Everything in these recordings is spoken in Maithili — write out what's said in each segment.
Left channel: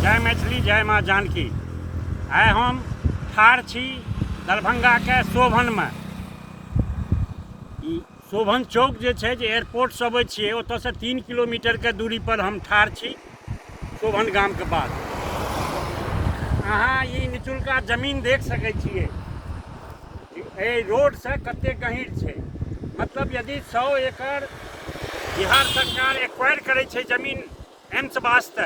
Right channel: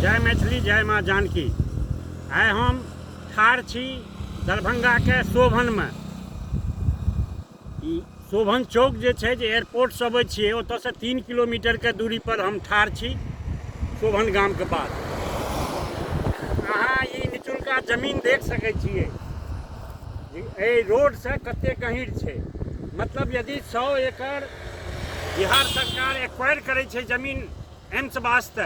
जय मैथिली जय माँ जानकी। आइ हम ठाढ़ छी दरभंगा के शोभन में। शोभन चौक जे छै जे एयरपोर्ट से अबै छियै ओतऽ से 3 किलोमीटर के दूरी पर हम ठाढ़ छी शोभन गाम के बाद। अहाँ ई निचुलका जमीन देख सकै छियै, एहि रोड से कते गहींर छै। मतलब यदि 100 एकड़ बिहार सरकार एक्वायर करै छै जमीन एम्स वास्ते,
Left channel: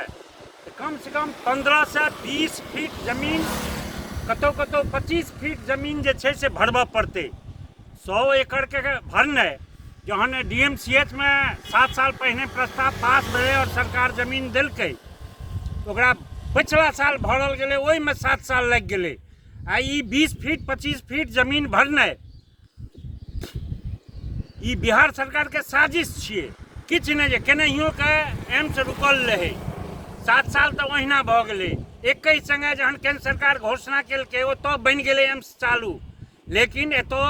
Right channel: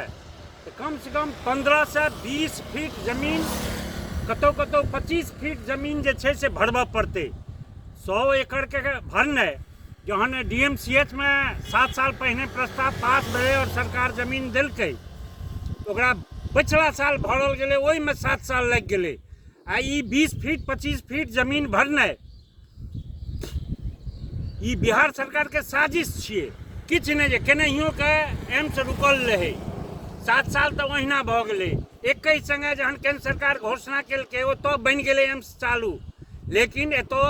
तो कम से कम 15 से 20 फीट जमीन, कतौ 25 फीट जमीन जे छै से भरबऽ पड़तै। 100 एकड़ के भरनाइ, जहन DMCH में 7 साल पहिने प्रस्ताव पास भेलै और सरकार जमीन देलकै, ओकरा पिछला साल भरल गेलै, ओहिमे 7 साल लागि गेलै। आ ई 20 फीट 25 फीट जमीन भरनाइ ई बिहार सरकार के साजिश छियै, किछु नहि जे केनाहियो के एम्स रुकल रहै। 7 साल तऽ ओहिना भऽ गेलै। एकै संगे जहन केंद्र सरकार घोषणा केलकै ओतऽ बनि गेलै एम्स चालू, लेकिन एतऽ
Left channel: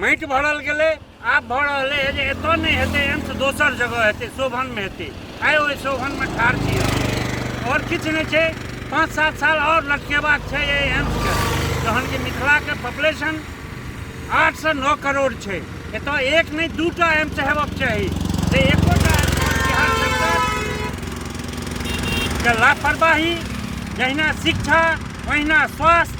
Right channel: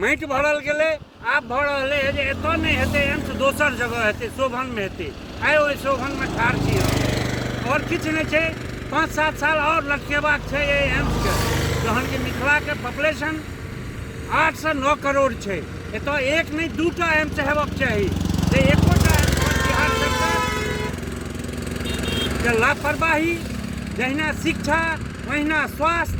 माटि भरल गेलै। आब भऽ रहलै है जे एतऽ नहि हेतै एम्स, दोसर जगह हेतै, शोभनमे हेतै। आइ ओहि शोभनमे ठाढ़ छियै और किछु नहि छै। 5-7 साल और लटकेबाक छै एहि एम्सके। जहन कि मिथिलाके पॉपुलेशन 8 से 9 करोड़ छै, एतऽ एक नहीं 2टा एम्स हेबाक चाही। एकोटा बिहार सरकारके लापरवाही, जहिना शिक्षा ओहिना स्वास्थ्य,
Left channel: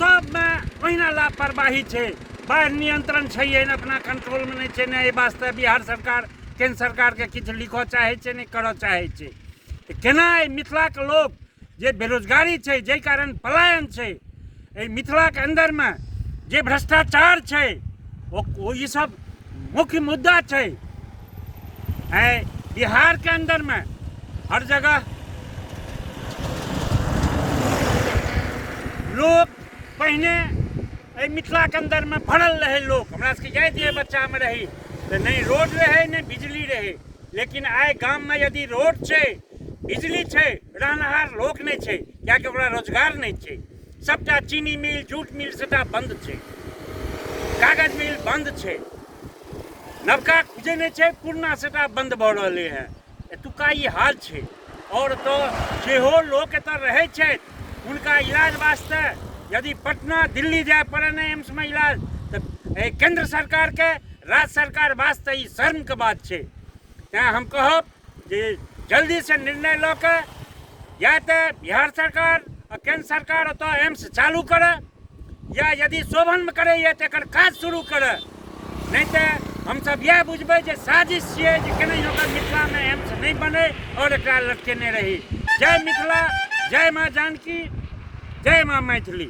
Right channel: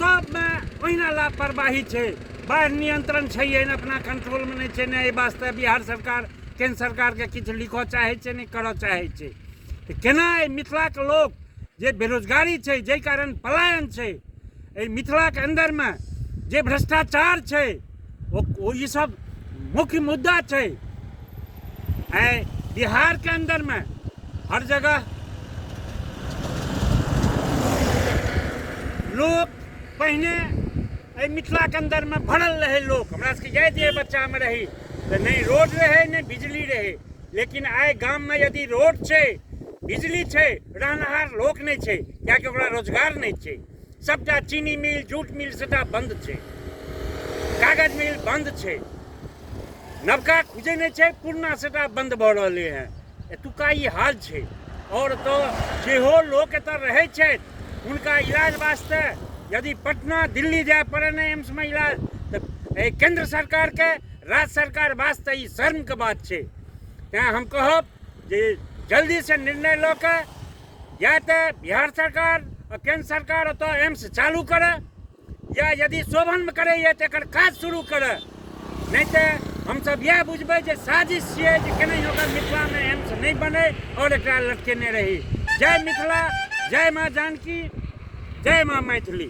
सबमे ओहिना लापरवाही छै। बाढ़ि नियंत्रण छै अपना कंट्रोल में नहीं छै, नहीं वास्ते बिहार सरकार केंद्र सरकार के किछु लिखऽ चाहे छै, नहीं करऽ चाहे छै। तो केना मिथिला के लोग जे बेरोजगारी छै, जाहि कारण पलायन छै, मिथिला के अंदर में जे भ्रष्टाचार छै, वो ये सब मुख्य मुद्दा छै। बिहार के अंदर में हर जगह लोग पहने मिथिला के अंदर में भरल रहे। लोग हमरा सबके जाय दिए बच्चा में रही तो नहीं रोड रहे नहीं बिजली रहे, लेकिन आइ गाम में यदि रोड छै, बिजली छै, रहनहार लोक नहीं छै, कियाकि ओकरा रोजगार नहीं छै। सबटा चीनी मिल, जूट मिल सबटा बंद छै, कागज मिल बंद छै, नवका खुजे नहीं छै, पुरना सबटा बंद भऽ रहलै हैं। एतुका ई हाल छै। और तो जेहो लोक एतऽ रहै छै, उनका इलाज वास्ते यदि पटना दिल्ली जाए पड़े नहीं एम्स में इलाज, तो केंद्र सरकार के राज्य सरकार वास्ते ई शर्म के बात छै। तें हम कहब जे जल्दी से निर्णय लऽ के या तो बिहार सरकार और केंद्र सरकार ओतऽ एम्स चालू करे, या यदि शोभन में करे या तो काज शुरू करे। नहीं तो हम सब यह बुझबै जे साजिश छियै जे केनाहियो के मिथिला में एम्स नहीं बने और एकरा लटकेने रही। जय मिथिला, जय माँ जानकी, जय माँ मैथिली।